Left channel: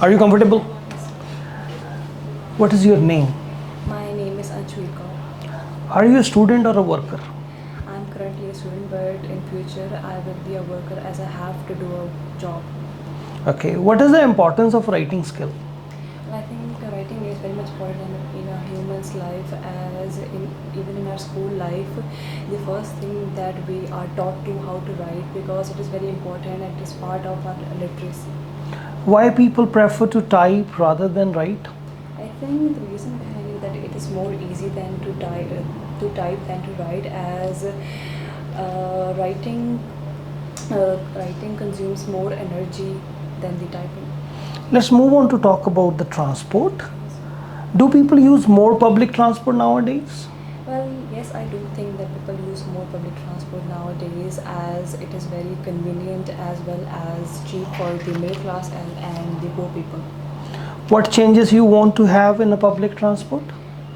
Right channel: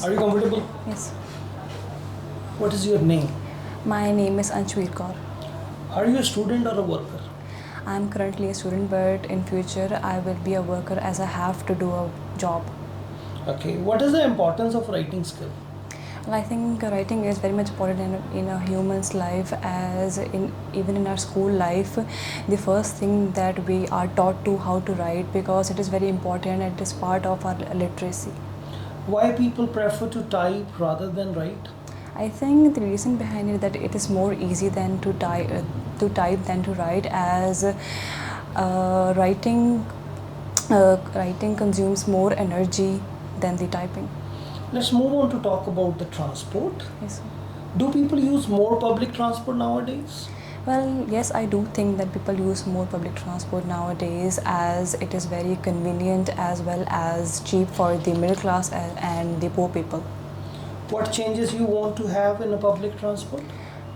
Are you comfortable? Yes. What is your name? My name is Anshveer. Are you a student or a worker? I am currently a student, but in future I will be a worker as I have to do a job. Okay. What is the importance of writing skill? And I think writing is very much important in a human's life, as even in our school life, the first thing that we are taught to how to write, because it is very important. It is part of our literacy. Why people prefer to type rather than write? I think the reason behind it that it is more easy than to type than to write, as writing writing consumes more energy than the typing. Let's move on to talk about the transport. Yes, sir. Do people use more public transport nowadays? Well, yes, I do think that people use more public transport nowadays, as it is very convenient as well as cheap for the middle class and the poor people. What changes you want to have in a public transport?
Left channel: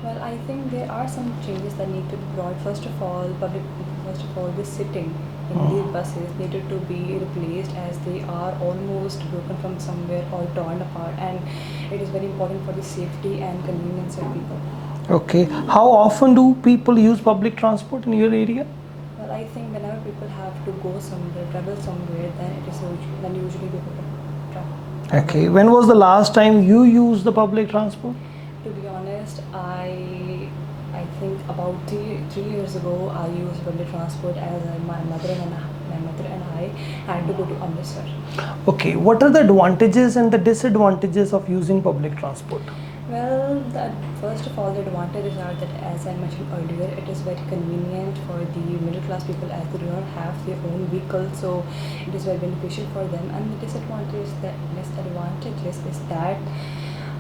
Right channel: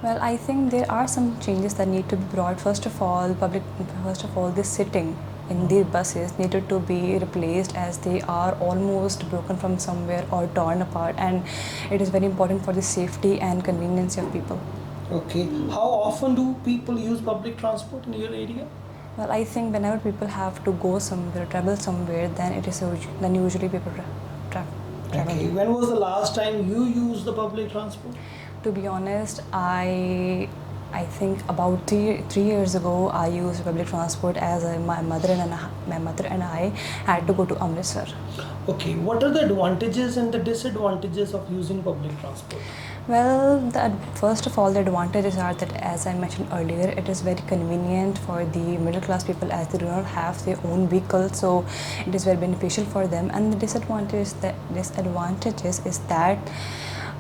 Well, I think there are some changes that need to be brought. First of all, the sitting in the buses needed to be replaced, as they are almost broken from somewhere or torn apart, and it is very important for the safety and convenience of people. Okay. How often do people use public transport in your area? Well, I think whenever people have to go somewhere, travel somewhere, then usually people travel. Okay. When was the last time you used the public transport? To be honest, I think about three years ago I used public transport, as my mother and I had to go to Amritsar. Okay. What are the advantages and the disadvantages of using public transport? Well, first of all, the advantages are that, as I mentioned earlier, it is very convenient for the middle class people, as they do not have their own vehicle, so it is very beneficial for them. And the disadvantages is that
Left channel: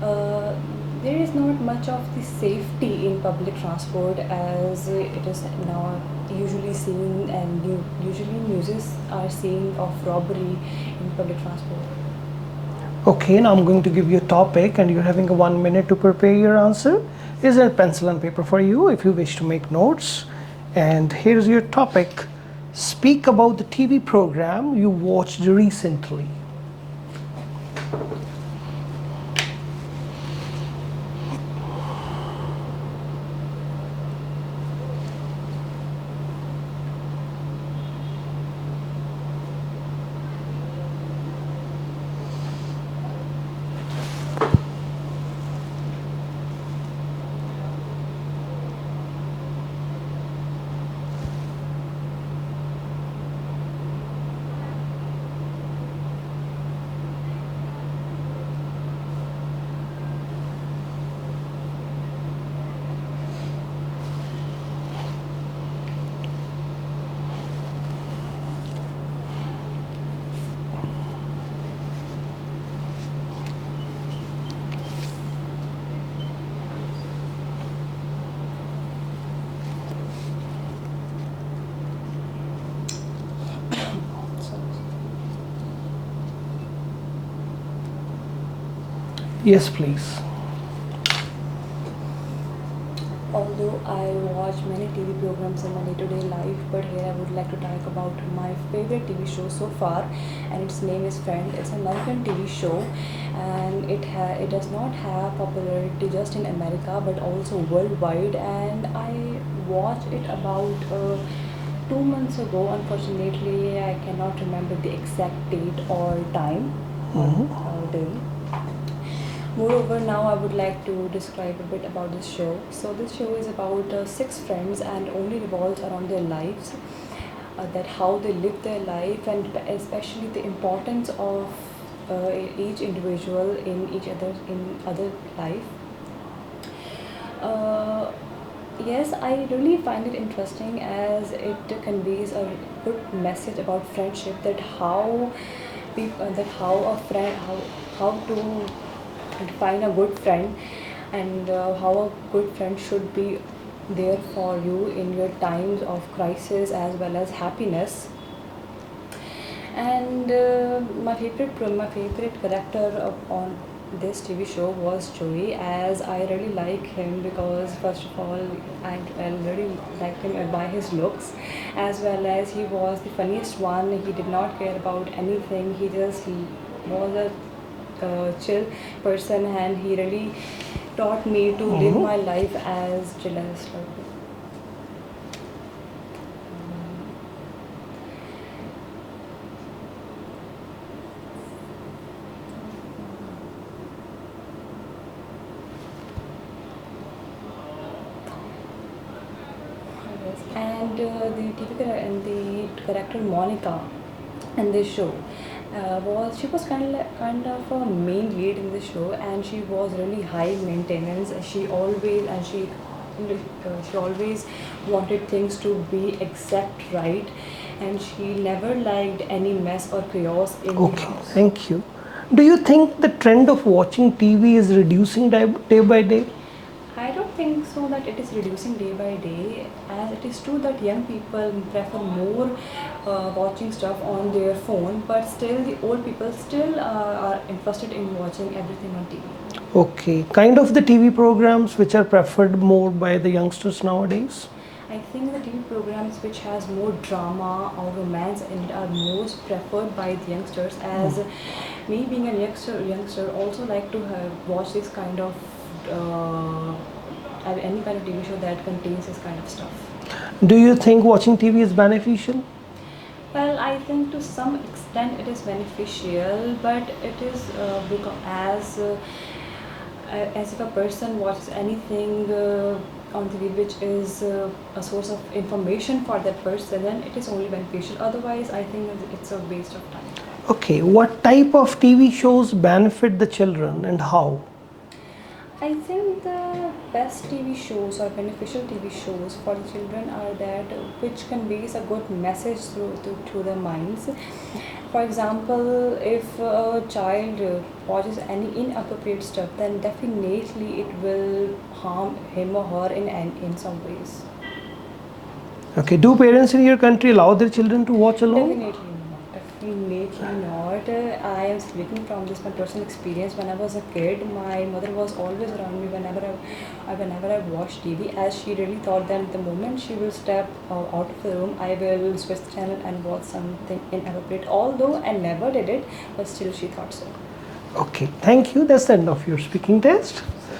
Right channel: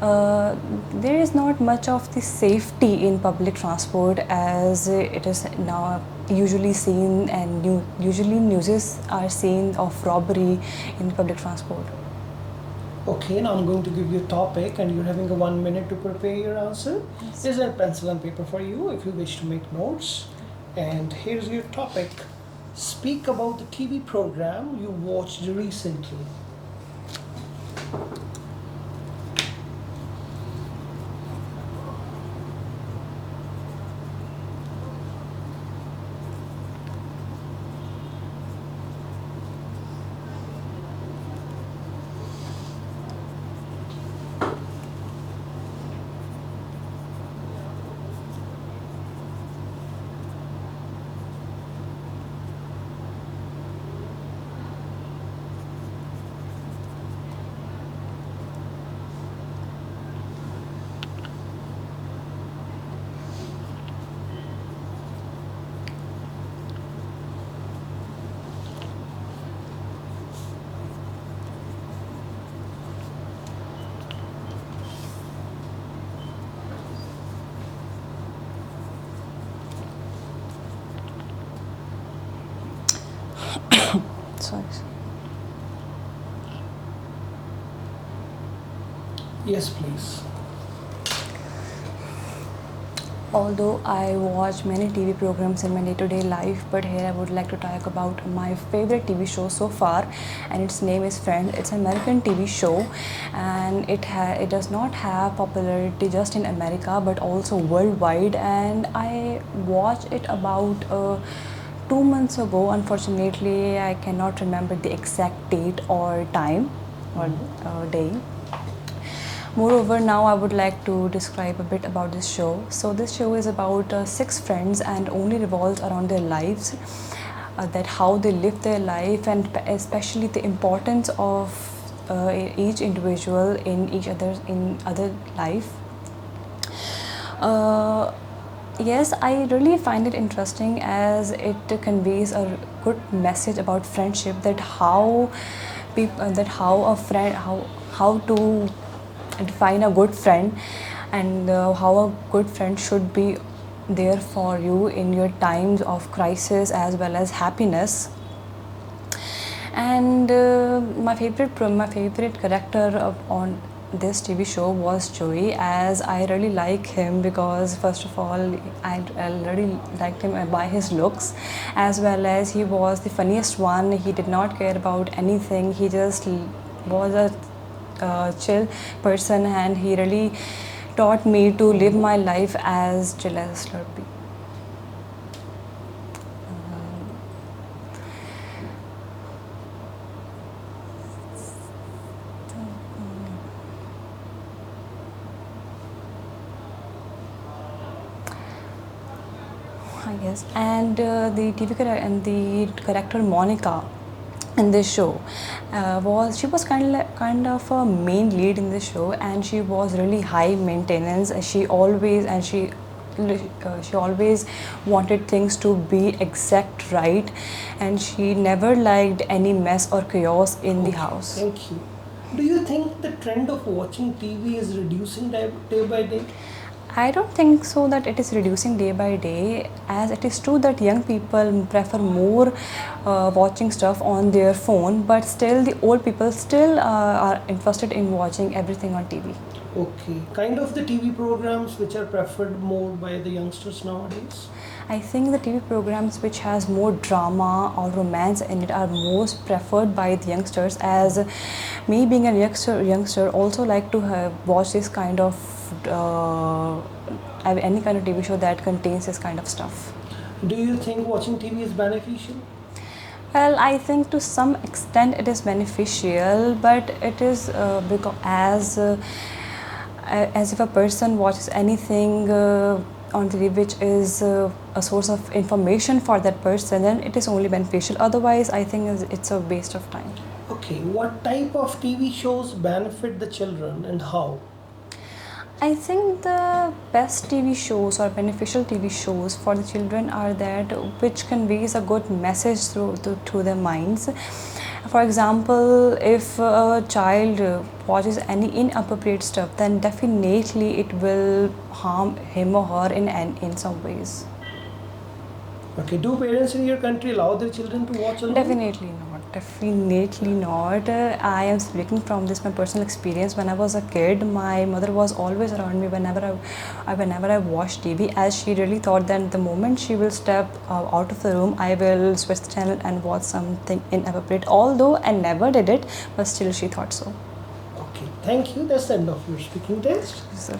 there is not much of the safety in public transport, as it is now usually seen, and usually newses are seen of robbery in public transport. Okay, now I'm going to give you a topic and you're having 1 minute to prepare your answer. Yes. Is there a pencil and paper for you if you wish to make notes? And here's your topic. Speak about the TV program you watched recently. Sorry. Yes, please. Although I watch many TV programs in my day-to-day life, but here I would like to talk about my favorite TV show so far, and its name is Friends. It's an American TV show, and it does not have popularity just in America but also worldwide. And I watched it about 2 months ago. Unfortunately, I cannot remember the exact date or time or day. Moreover, now I would like to describe a bit about this show. So this show is about six friends and only revolves around their lives, that how they live their life, and especially the importance of each individual in other life. Yes, I really find it interesting, as it conveys a good message about friendship, that how people that how a friend how to define a good friend, and how a good friend should be there for you in your times of crisis as well as happiness. And my favorite character on this TV show was Joey, as I really like him because, first of all, I really liked him by his looks, as well as he was the funniest one. He did not care about anything. He just was a chill person, and he really taught me to live my life as chill as Slurpee. Yes, and the TV and the character Monica in this show was kind of a main lead in this show, and she was really high maintenance. She always wanted things to be exact right, and she never liked any mess or chaos in the house. Thank you. Do you think the trend of watching TV is reducing day by day? I don't think so that it is reducing day by day, as it is true that young people prefer more watching stuff on their phone, but still the old people still are interested in watching everything on TV. Okay, kind of the TV programs which are preferred more by the youngsters nowadays? I think the TV programs which has more drama or romance in it are most preferred by the youngsters, as me being a youngster also like to watch this kind of any kind of TV show that contains this kind of stuff. Do you think watching TV is beneficial? Well, I think to some extent it is beneficial, but it is because as if a person watches anything on TV which is a source of information for that person, then it is only beneficial. Otherwise, I think it's a waste of time. Okay, what type of TV shows benefit the children and how? I think the best TV shows or beneficial TV shows for the children are that which conveys a good message to their minds. For example, if a child watches any inappropriate stuff, then definitely it will harm him or her in some ways. Okay, do parents in your country allow their children to watch alone? Definitely not. Definitely not. I am speaking from my personal experience. When I was a kid, my mother was always around me whenever I watched TV, as she really thought that the moment she will step out of the room, I will switch the channel and watch something inappropriate. Although I never did it, but still she thought so. Okay, thank you. That's the end of your speaking test. So,